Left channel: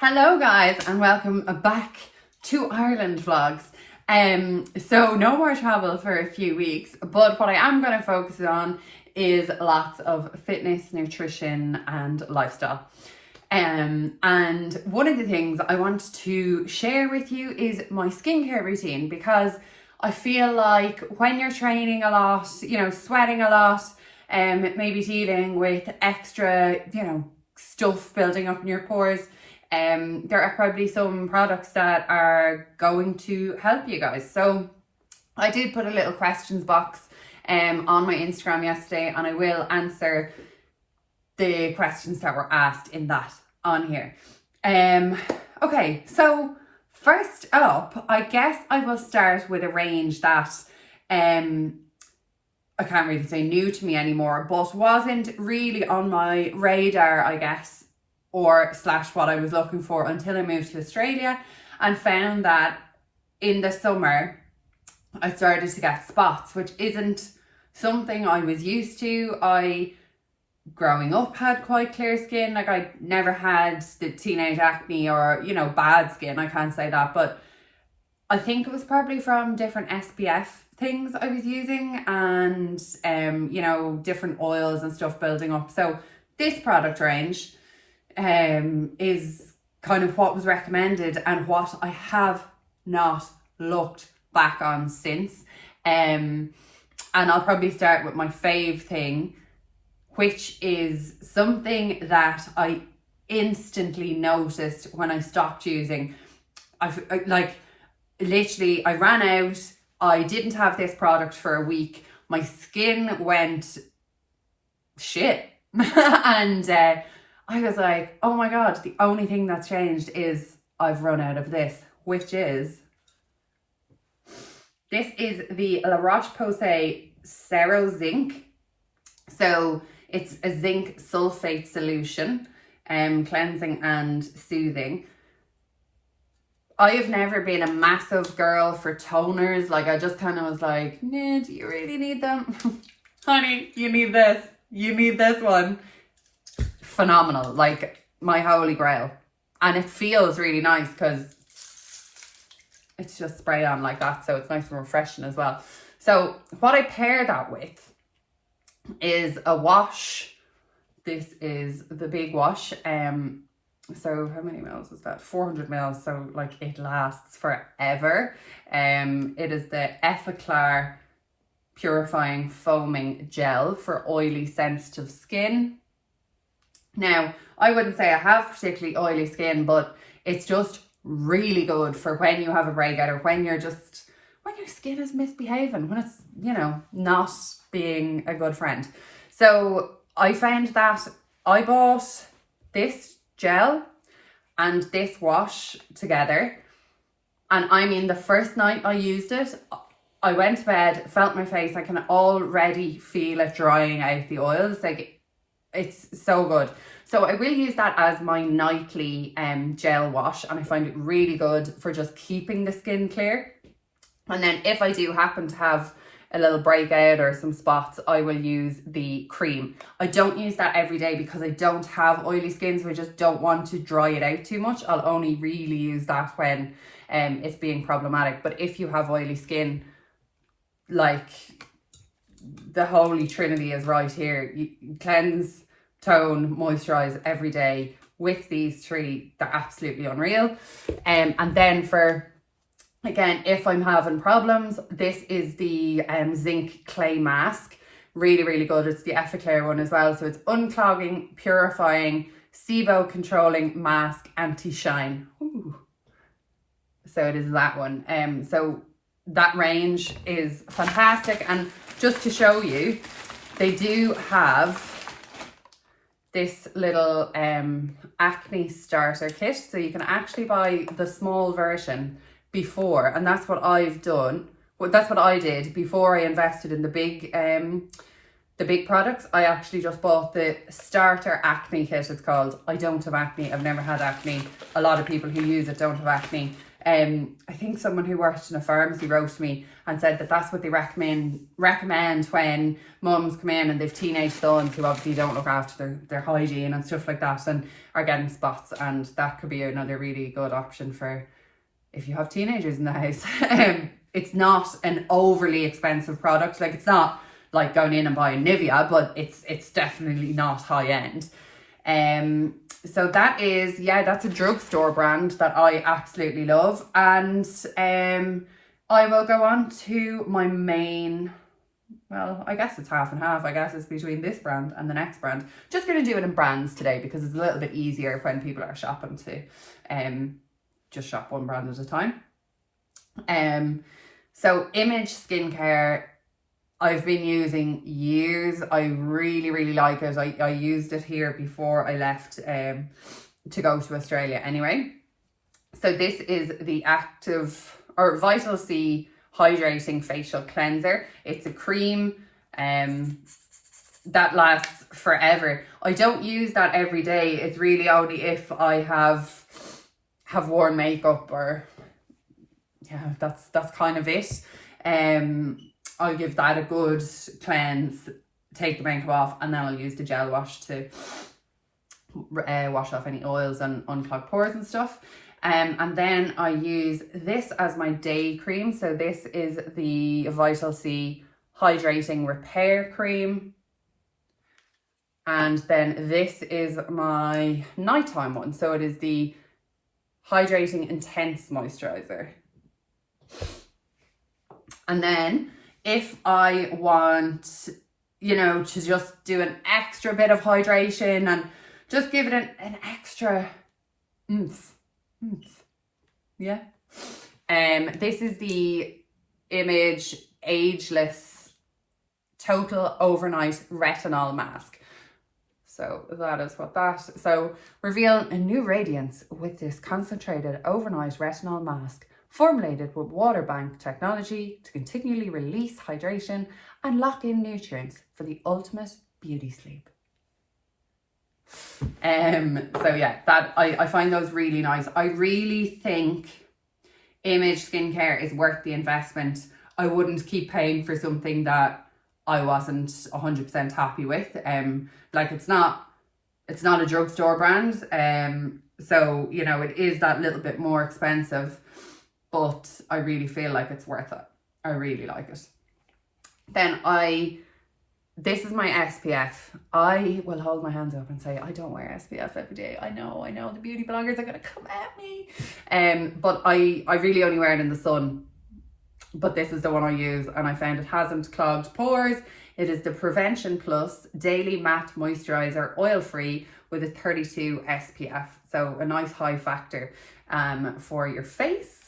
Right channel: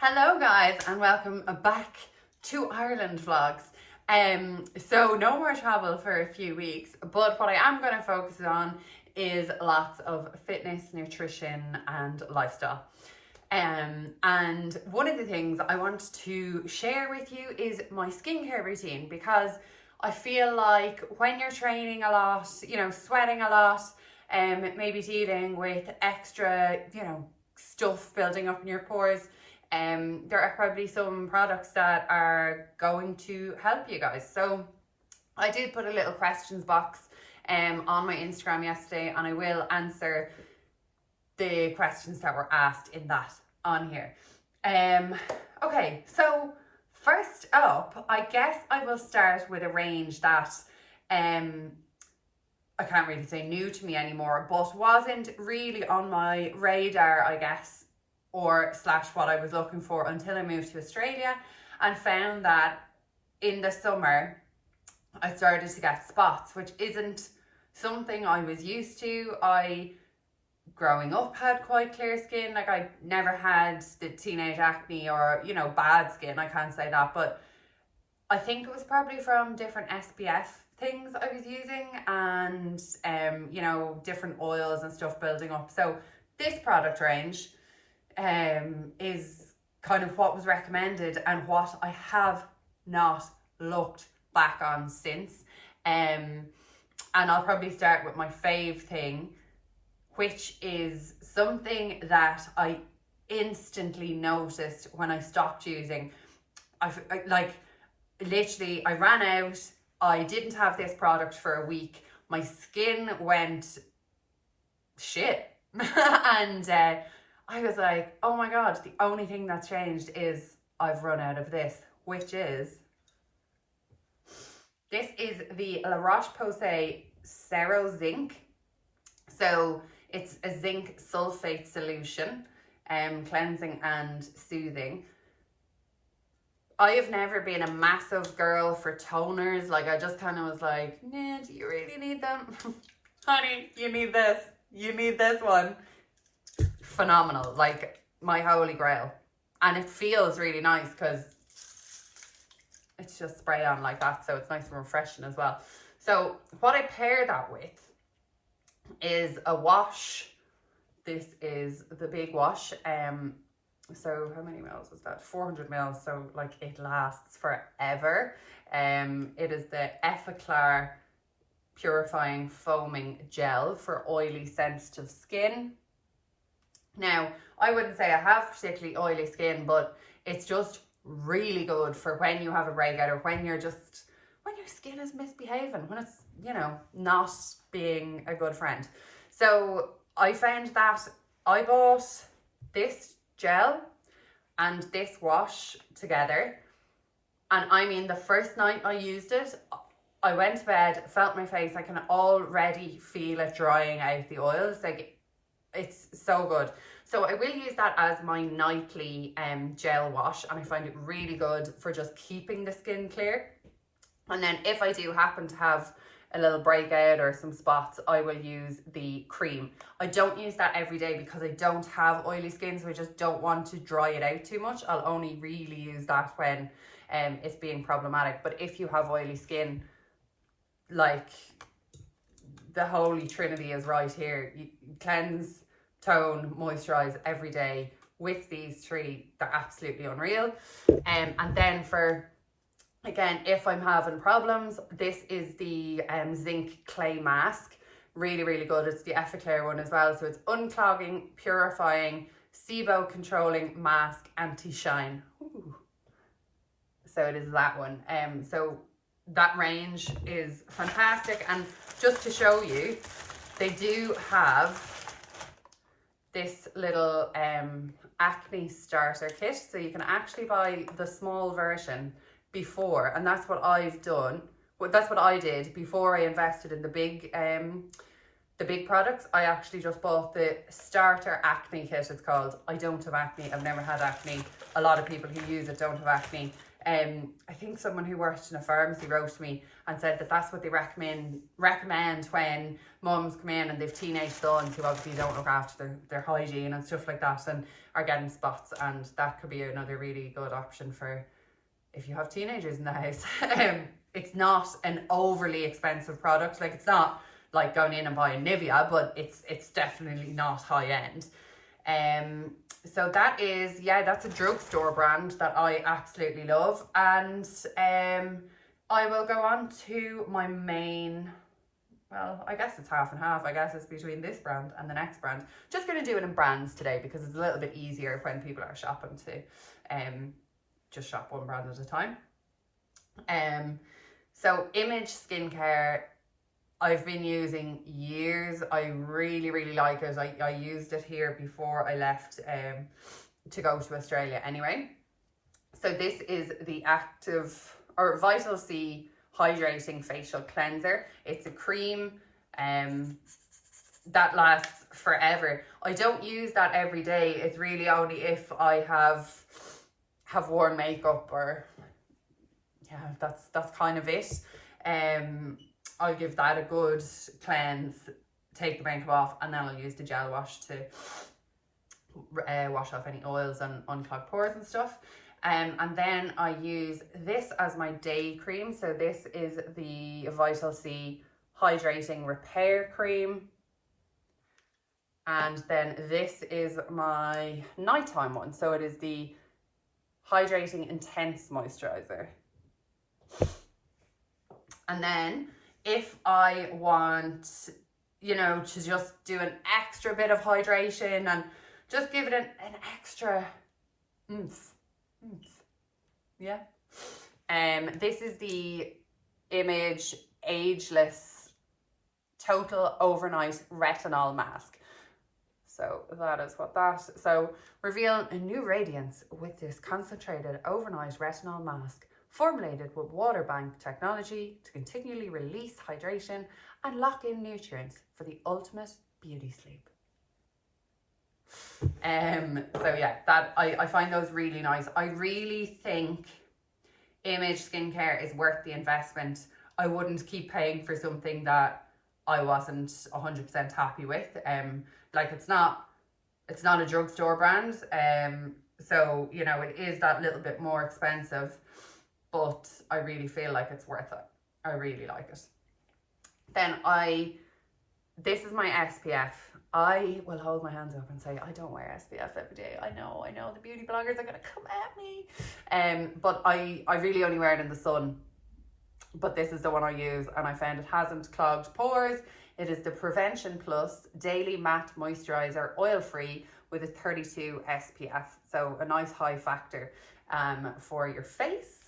Hello guys and welcome back to Ireland vlogs. So no more travel for a few weeks, but what I am going to focus on is lots of fitness, nutrition and lifestyle. And one of the things I want to share with you is my skincare routine, because I feel like when you're training a lot, you know, sweating a lot, maybe dealing with extra, you know, stuff building up in your pores, there are probably some products that are going to help you guys. So I did put a little questions box on my Instagram yesterday, and I will answer the questions that were asked in that on here. Okay, so first up, I guess I will start with a range that I can't really say new to me anymore, but wasn't really on my radar, I guess, or slash what I was looking for until I moved to Australia and found that in the summer I started to get spots, which isn't something I was used to. I, growing up, had quite clear skin. Like, I never had the teenage acne or, you know, bad skin, I can't say that, but I think it was probably from different SPF things I was using and you know, different oils and stuff building up. So this product range is kind of what was recommended and what I have not looked back on since. And I'll probably start with my fave thing, which is something that I instantly noticed when I stopped using. I literally ran out. I didn't have this product for a week. My skin went shit. And I was like, oh my God, the only thing that's changed is I've run out of this, which is, this is the Roche Posay serozinc. So it's a zinc sulfate solution, cleansing and soothing. I have never been a massive girl for toners. Like, I just kind of was like, nah, do you really need them? Honey, you need this. You need this one. Phenomenal. Like, my holy grail. And it feels really nice because it's just spray on like that. So it's nice and refreshing as well. So what I pair that with is a wash. This is the big wash. So how many mils is that? 400 mils. So like, it lasts forever. It is the Effaclair purifying foaming gel for oily sensitive skin. Now, I wouldn't say I have particularly oily skin, but it's just really good for when you have a breakout, or when you're just, when your skin is misbehaving, when it's, you know, not being a good friend. So I found that I bought this gel and this wash together, and I mean, the first night I used it, I went to bed, felt my face, I can already feel it drying out the oils. Like, it's so good. So I will use that as my nightly gel wash, and I find it really good for just keeping the skin clear. And then if I do happen to have a little breakout or some spots, I will use the cream. I don't use that every day because I don't have oily skin, so I just don't want to dry it out too much. I'll only really use that when it's being problematic. But if you have oily skin, like, the holy trinity is right here. You cleanse, tone, moisturize every day with these three. They're absolutely unreal. And then for, again, if I'm having problems, this is the zinc clay mask. Really, really good. It's the Effaclair one as well. So it's unclogging, purifying, SIBO controlling mask, anti-shine. Ooh. So it is that one. So that range is fantastic. And just to show you, they do have this little acne starter kit. So you can actually buy the small version before, and that's what I've done. Well, that's what I did before I invested in the big products. I actually just bought the starter acne kit, it's called. I don't have acne. I've never had acne. A lot of people who use it don't have acne. I think someone who worked in a pharmacy wrote to me and said that that's what they recommend when mums come in and they've teenage sons who obviously don't look after their hygiene and stuff like that and are getting spots, and that could be another really good option for if you have teenagers in the house. It's not an overly expensive product. Like, it's not like going in and buying Nivea, but it's definitely not high end. So that is, yeah, that's a drugstore brand that I absolutely love. And I will go on to my main, well, I guess it's half and half. I guess it's between this brand and the next brand. Just going to do it in brands today because it's a little bit easier when people are shopping to just shop one brand at a time. So Image Skincare, I've been using years. I really, really like it. I used it here before I left to go to Australia anyway. So this is the Vital C Hydrating Facial Cleanser. It's a cream that lasts forever. I don't use that every day. It's really only if I have worn makeup, or yeah, that's kind of it. I'll give that a good cleanse, take the makeup off, and then I'll use the gel wash to wash off any oils and unclog pores and stuff. And then I use this as my day cream. So this is the Vital C Hydrating Repair Cream. And then this is my nighttime one. So it is the Hydrating Intense Moisturizer. And then if I want, you know, to just do an extra bit of hydration and just give it an extra oomph. Yeah. This is the Image Ageless Total Overnight Retinol Mask. So that is what that. So reveal a new radiance with this concentrated overnight retinol mask, formulated with water bank technology to continually release hydration and lock in nutrients for the ultimate beauty sleep. So yeah, that I find those really nice. I really think Image Skincare is worth the investment. I wouldn't keep paying for something that I wasn't 100% happy with. Like, it's not a drugstore brand. So, you know, it is that little bit more expensive, but I really feel like it's worth it. I really like it. Then this is my SPF. I will hold my hands up and say I don't wear SPF every day. I know the beauty bloggers are gonna come at me. But I really only wear it in the sun. But this is the one I use, and I found it hasn't clogged pores. It is the Prevention Plus Daily Matte Moisturizer, oil-free, with a 32 SPF. So a nice high factor for your face.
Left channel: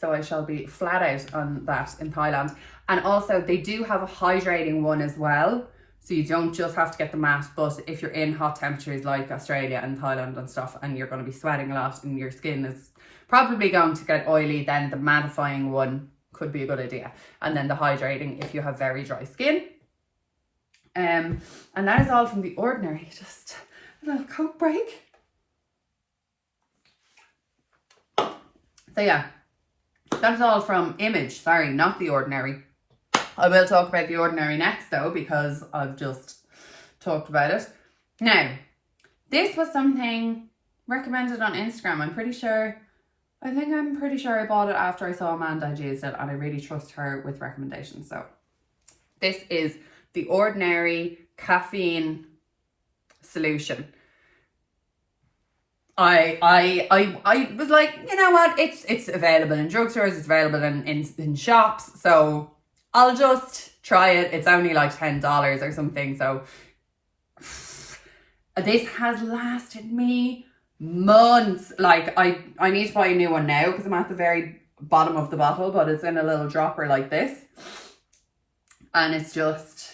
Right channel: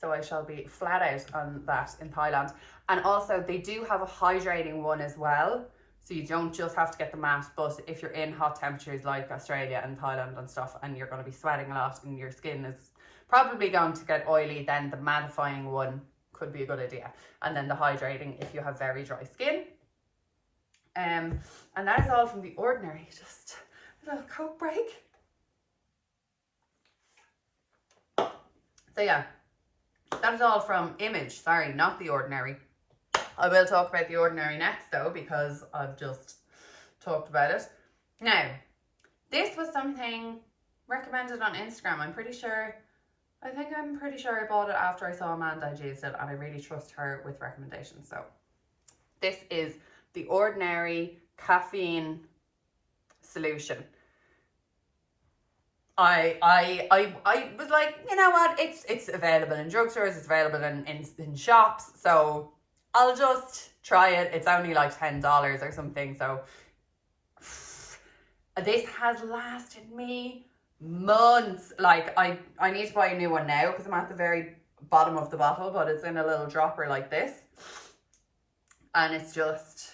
So I shall be flat out on that in Thailand. And also they do have a hydrating one as well. So you don't just have to get the matte, but if you're in hot temperatures like Australia and Thailand and stuff, and you're going to be sweating a lot and your skin is probably going to get oily, then the mattifying one could be a good idea. And then the hydrating if you have very dry skin. And that is all from The Ordinary. Just a little Coke break. So yeah, that's all from Image. Sorry, not The Ordinary. I will talk about The Ordinary next though, because I've just talked about it. Now, this was something recommended on Instagram. I'm pretty sure I bought it after I saw Amanda used it, and I really trust her with recommendations. So this is The Ordinary Caffeine Solution. I was like, you know what, it's available in drugstores, it's available in shops, so I'll just try it. It's only like $10 or something. So this has lasted me months. Like, I need to buy a new one now because I'm at the very bottom of the bottle, but it's in a little dropper like this, and it's just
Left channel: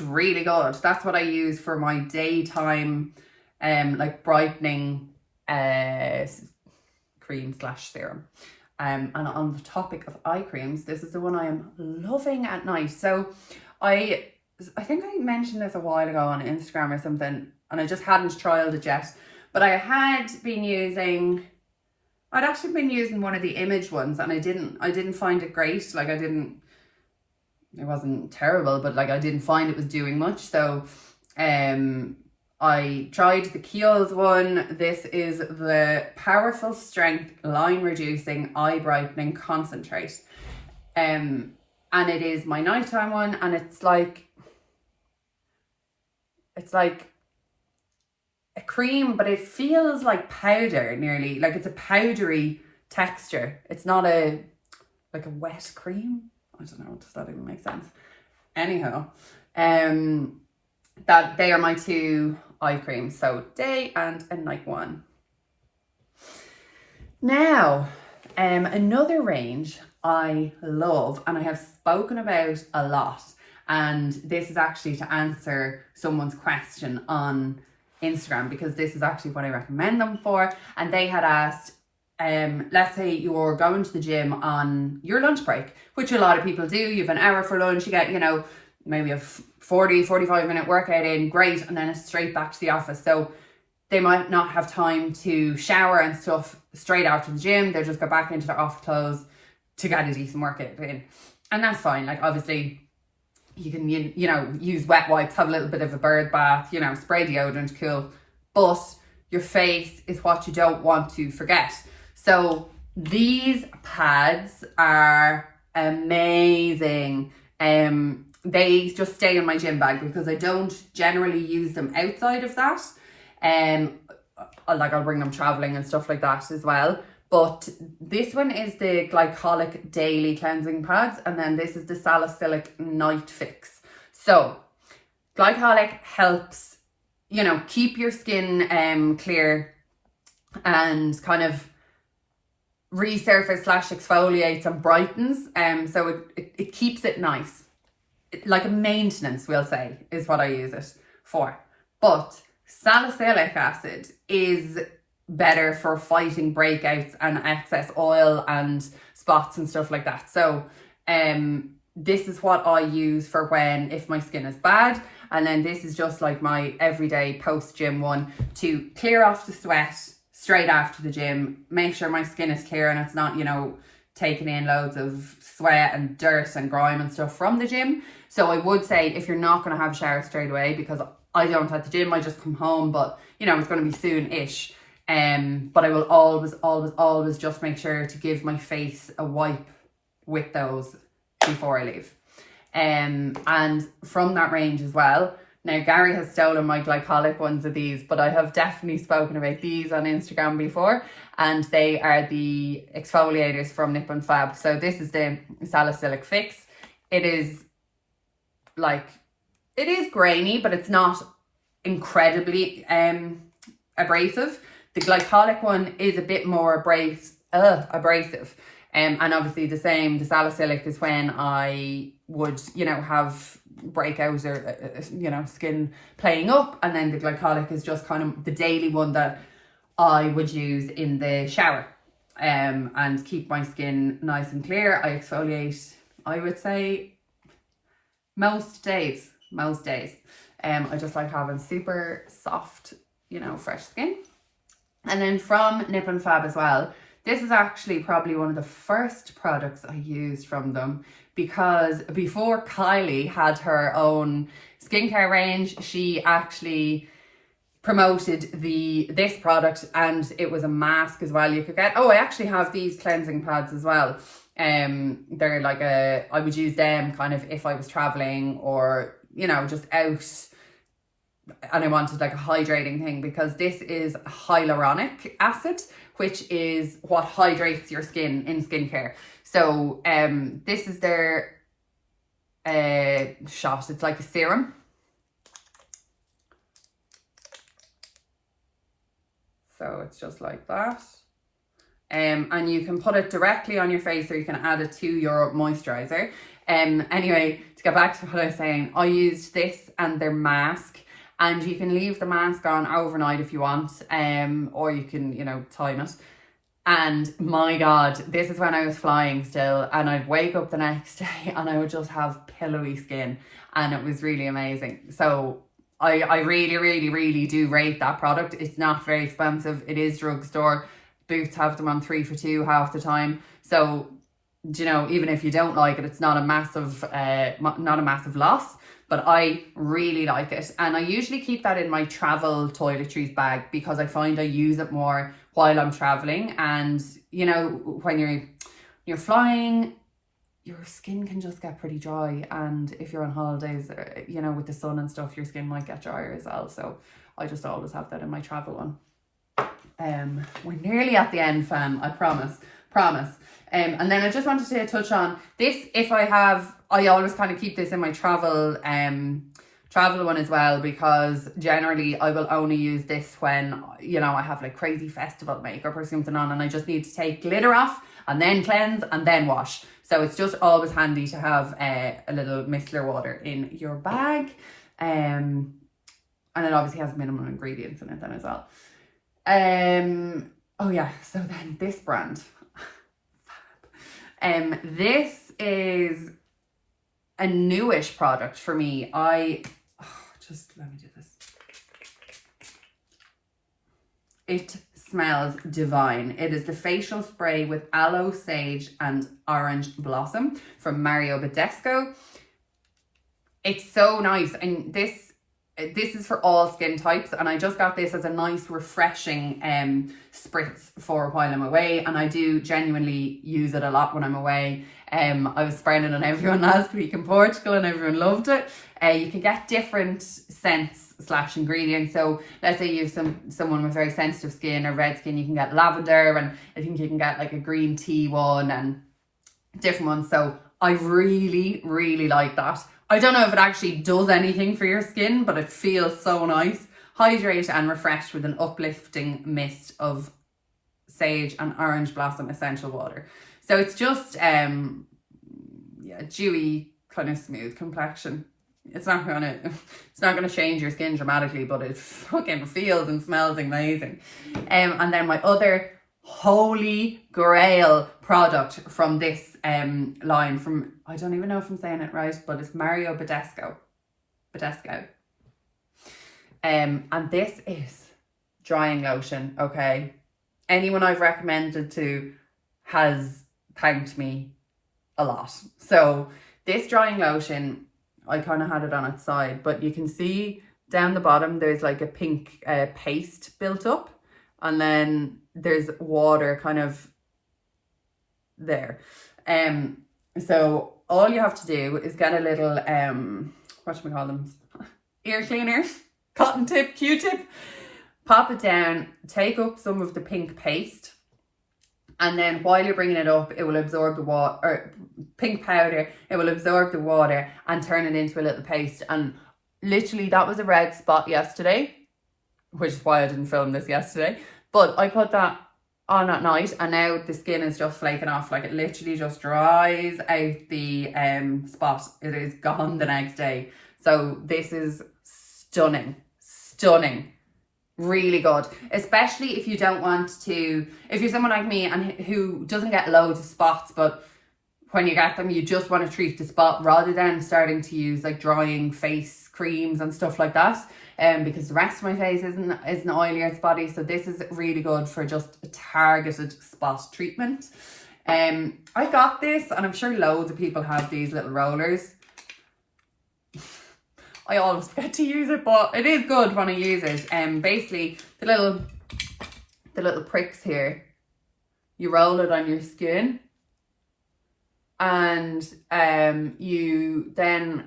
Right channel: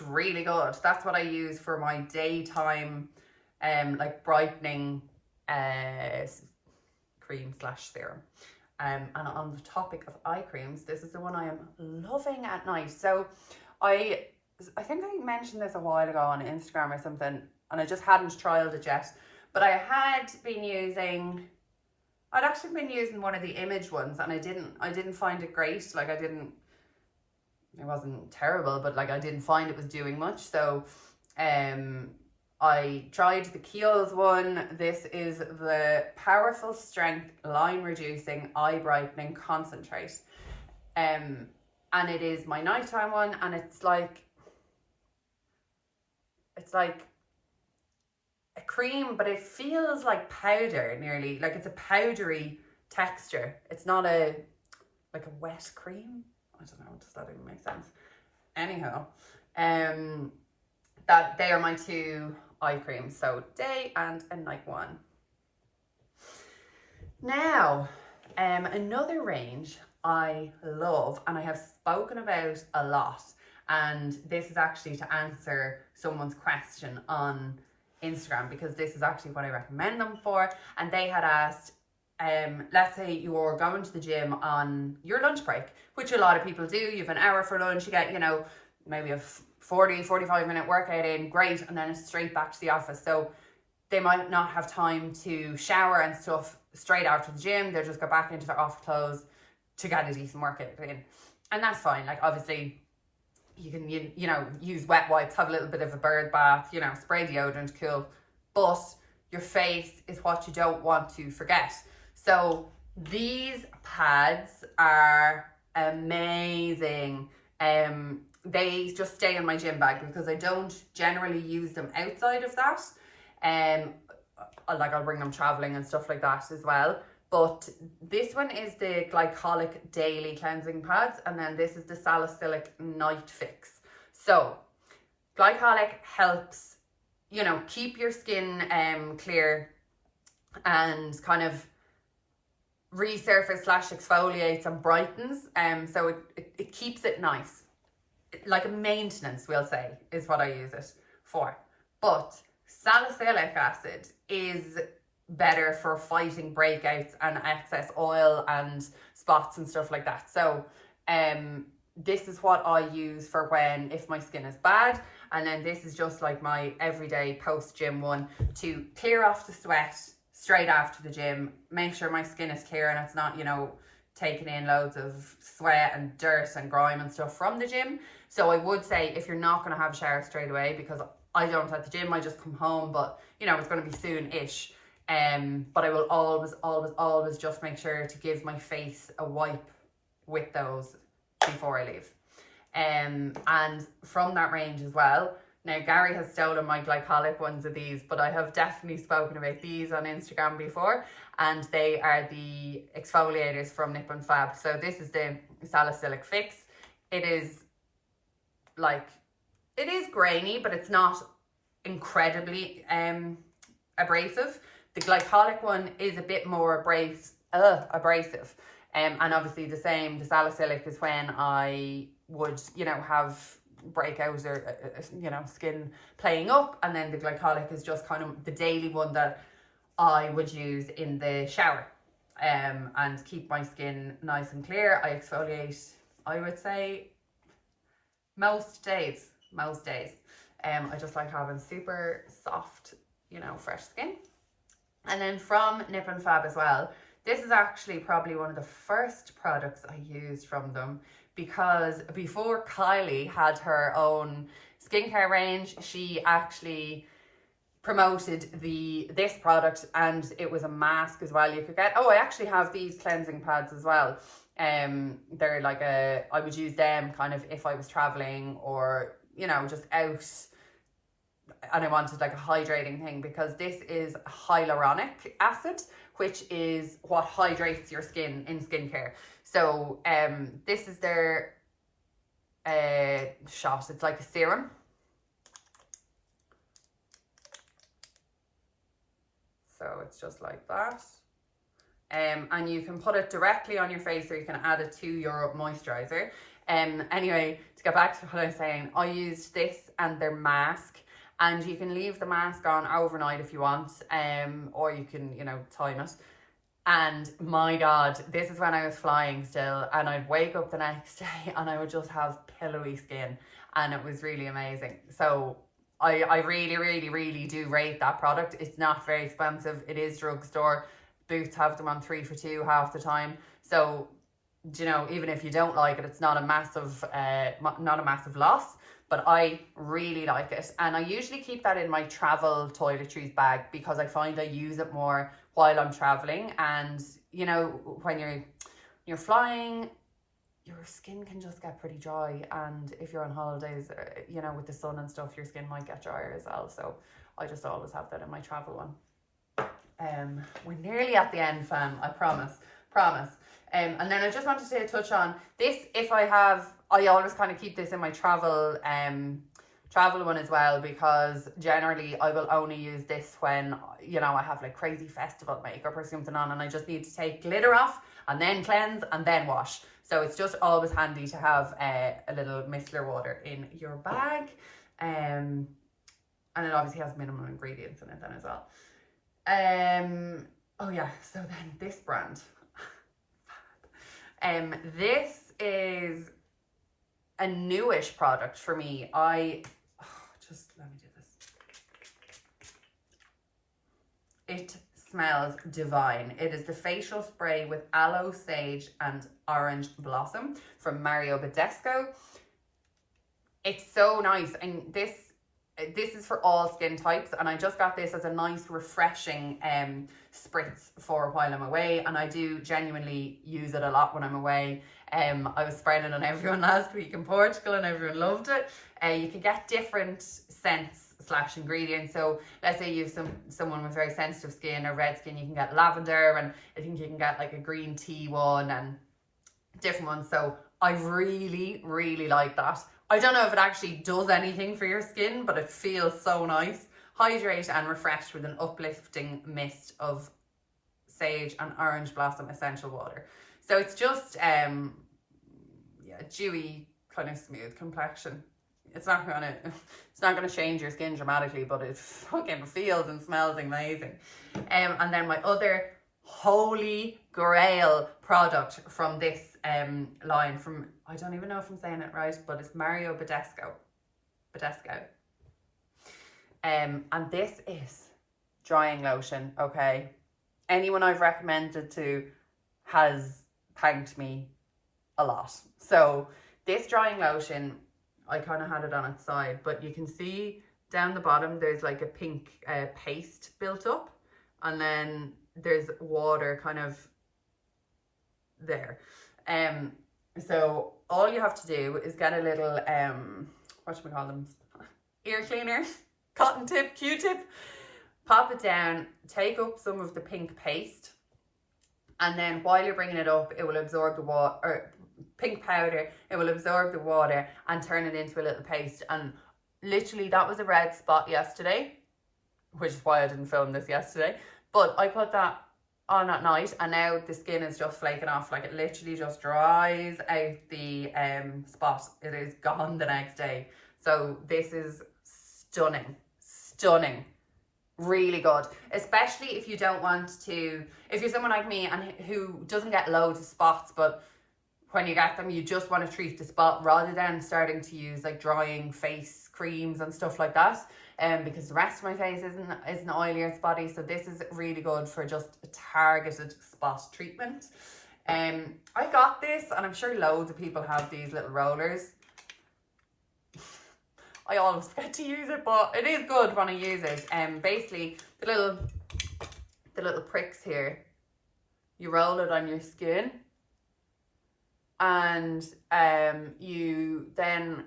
really good. That's what I use for my daytime like brightening cream / serum. And on the topic of eye creams, this is the one I am loving at night. So I think I mentioned this a while ago on Instagram or something, and I just hadn't trialed it yet. But I had been using I'd actually been using one of the image ones, and I didn't find it great. Like it wasn't terrible, but like I didn't find it was doing much. So I tried the Kiehls one. This is the Powerful Strength Line Reducing Eye Brightening Concentrate. And it is my nighttime one, and it's like a cream, but it feels like powder nearly. Like it's a powdery texture. It's not like a wet cream. I don't know, does that even make sense? Anyhow, that they are my two eye creams, so day and a night one. Now, another range I love and I have spoken about a lot, and this is actually to answer someone's question on Instagram, because this is actually what I recommend them for. And they had asked, let's say you're going to the gym on your lunch break, which a lot of people do. You have an hour for lunch, you get, maybe a 45-minute workout in, great, and then it's straight back to the office. So they might not have time to shower and stuff straight after the gym. They'll just go back into their office clothes to get a decent workout in. And that's fine. Like obviously you can, use wet wipes, have a little bit of a bird bath, spray deodorant, cool. But your face is what you don't want to forget. So these pads are amazing. They just stay in my gym bag because I don't generally use them outside of that. Like I'll bring them traveling and stuff like that as well. But this one is the Glycolic Daily Cleansing Pads, and then this is the Salicylic Night Fix. So glycolic helps, keep your skin clear and kind of resurface / exfoliates and brightens. So it keeps it nice. Like a maintenance, we'll say, is what I use it for. But salicylic acid is better for fighting breakouts and excess oil and spots and stuff like that. So this is what I use for if my skin is bad. And then this is just like my everyday post-gym one to clear off the sweat straight after the gym, make sure my skin is clear and it's not, taking in loads of sweat and dirt and grime and stuff from the gym. So I would say if you're not going to have a shower straight away, because I don't at the gym, I just come home, but it's going to be soon-ish. But I will always just make sure to give my face a wipe with those before I leave. And from that range as well. Now, Gary has stolen my glycolic ones of these, but I have definitely spoken about these on Instagram before, and they are the exfoliators from Nip and Fab. So this is the Salicylic Fix. It is grainy, but it's not incredibly abrasive. The glycolic one is a bit more abrasive. And obviously the salicylic is when I would, have breakouts or, skin playing up. And then the glycolic is just kind of the daily one that I would use in the shower and keep my skin nice and clear. I exfoliate, I would say, most days. I just like having super soft, fresh skin. And then from Nip and Fab as well, this is actually probably one of the first products I used from them, because before Kylie had her own skincare range, she actually promoted this product, and it was a mask as well you could get. Oh, I actually have these cleansing pads as well. They're like I would use them kind of if I was traveling or, just out and I wanted like a hydrating thing, because this is hyaluronic acid, which is what hydrates your skin in skincare. So this is their shot. It's like a serum. So it's just like that. And you can put it directly on your face, or you can add it to your moisturizer. Anyway, to get back to what I was saying, I used this and their mask, and you can leave the mask on overnight if you want, or you can, time it. And my God, this is when I was flying still, and I'd wake up the next day and I would just have pillowy skin, and it was really amazing. So I really, really, really do rate that product. It's not very expensive. It is drugstore. Boots have them on 3 for 2 half the time. So, you know, even if you don't like it, it's not a massive loss. But I really like it, and I usually keep that in my travel toiletries bag because I find I use it more while I'm traveling. And you know, when you're flying, your skin can just get pretty dry, and if you're on holidays, you know, with the sun and stuff, your skin might get drier as well. So I just always have that in my travel one. We're nearly at the end, fam, I promise. And then I just wanted to touch on this. I always kind of keep this in my travel one as well, because generally I will only use this when, you know, I have like crazy festival makeup or something on and I just need to take glitter off and then cleanse and then wash. So it's just always handy to have a little micellar water in your bag. And it obviously has minimal ingredients in it then as well. Oh yeah, so then this brand. This is a newish product for me. Just let me do this. It smells divine. It is the facial spray with aloe, sage and orange blossom from Badescau. It's so nice, and this is for all skin types, and I just got this as a nice refreshing spritz for while I'm away, and I do genuinely use it a lot when I'm away. I was spraying it on everyone last week in Portugal and everyone loved it. You can get different scents / ingredients. So let's say you have someone with very sensitive skin or red skin, you can get lavender, and I think you can get like a green tea one and different ones. So I really, really like that. I don't know if it actually does anything for your skin, but it feels so nice. Hydrate and refresh with an uplifting mist of sage and orange blossom essential water. So it's just dewy, kind of smooth complexion. It's not gonna change your skin dramatically, but it fucking feels and smells amazing. And then my other holy grail product from this line, from, I don't even know if I'm saying it right, but it's Badescu. And this is drying lotion, okay? Anyone I've recommended to has thanked me a lot. So this drying lotion, I kind of had it on its side, but you can see down the bottom there's like a pink paste built up, and then there's water kind of there. So all you have to do is get a little what should we call them, ear cleaner, cotton tip, Q-tip, pop it down, take up some of the pink paste, and then while you're bringing it up, it will absorb the water, or pink powder, it will absorb the water and turn it into a little paste. And literally that was a red spot yesterday, which is why I didn't film this yesterday, but I put that on at night and now the skin is just flaking off. Like, it literally just dries out the spot. It is gone the next day. So this is stunning, really good, especially if you don't want to, if you're someone like me and who doesn't get loads of spots, but when you get them you just want to treat the spot rather than starting to use like drying face creams and stuff like that, because the rest of my face isn't oily or spotty. So this is really good for just a targeted spot treatment. I got this, and I'm sure loads of people have these little rollers. I always forget to use it, but it is good when I use it. Basically, the little pricks here, you roll it on your skin, and you then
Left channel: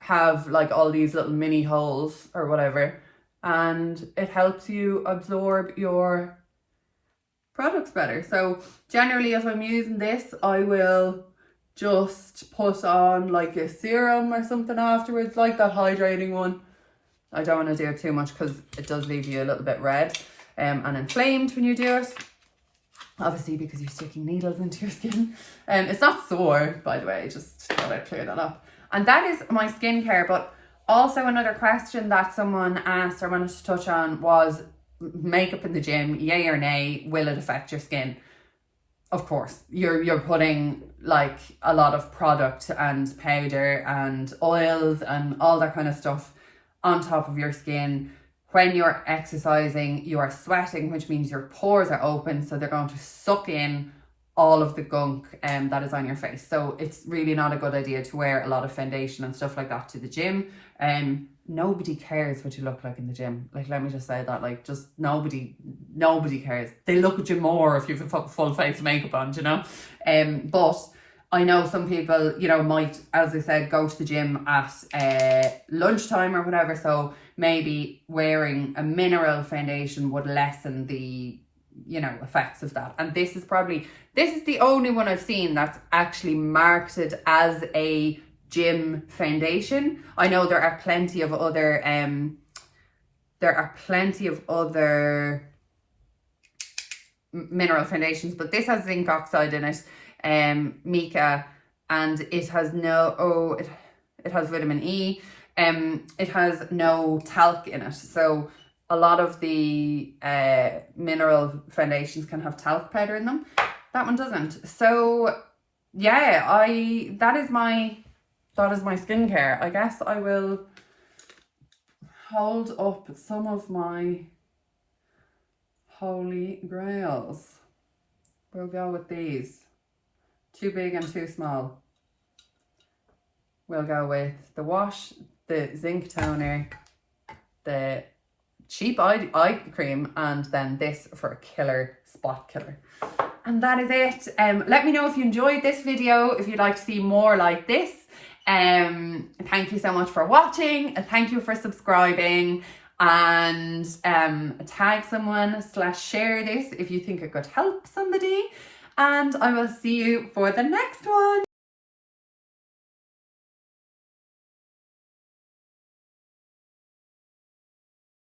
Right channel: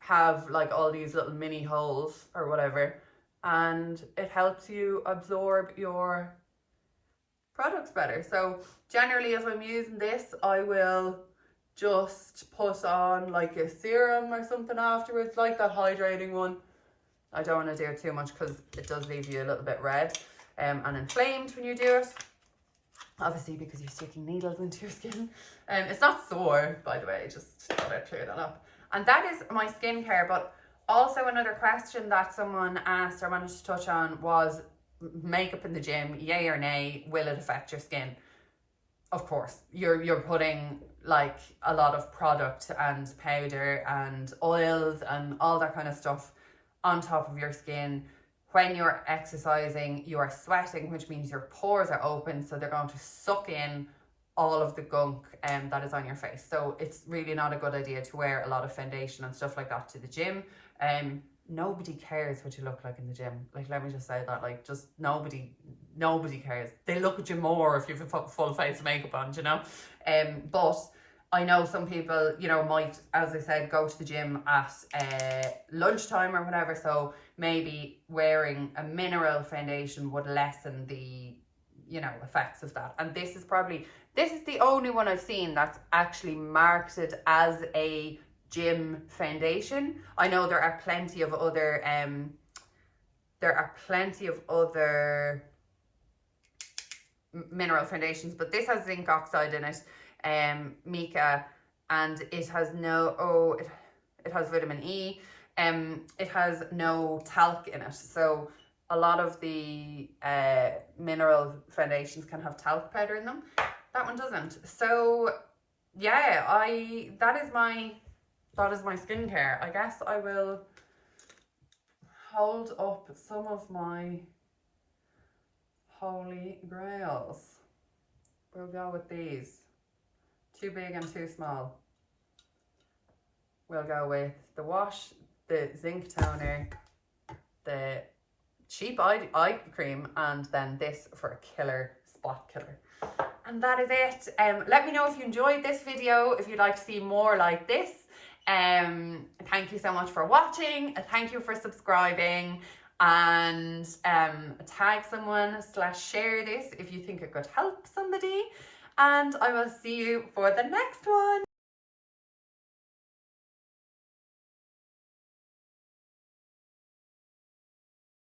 have like all these little mini holes or whatever, and it helps you absorb your products better. So generally, if I'm using this, I will just put on like a serum or something afterwards, like that hydrating one. I don't want to do it too much because it does leave you a little bit red and inflamed when you do it, obviously because you're sticking needles into your skin. It's not sore, by the way, just thought I'd clear that up. And that is my skincare. But also another question that someone asked or wanted to touch on was makeup in the gym, yay or nay, will it affect your skin? Of course, you're putting like a lot of product and powder and oils and all that kind of stuff on top of your skin. when you're exercising, you are sweating, which means your pores are open, so they're going to suck in all of the gunk that is on your face. So it's really not a good idea to wear a lot of foundation and stuff like that to the gym. Nobody cares what you look like in the gym. Like, let me just say that, like, just nobody cares. They look at you more if you've a full face of makeup on, you know. But I know some people, you know, might, as I said, go to the gym at lunchtime or whatever. So maybe wearing a mineral foundation would lessen the, you know, effects of that. And this is the only one I've seen that's actually marketed as a gym foundation. I know there are plenty of other mineral foundations, but this has zinc oxide in it, mica, and it has it has vitamin E, it has no talc in it. So a lot of the mineral foundations can have talc powder in them. That one doesn't. So yeah, that is my skincare. I guess I will hold up some of my holy grails. We'll go with these. Too big and too small. We'll go with the wash, the zinc toner, the cheap eye cream, and then this for a killer spot killer. And that is it. Let me know if you enjoyed this video, if you'd like to see more like this. Thank you so much for watching, and thank you for subscribing, and tag someone / share this if you think it could help somebody, and I will see you for the next one.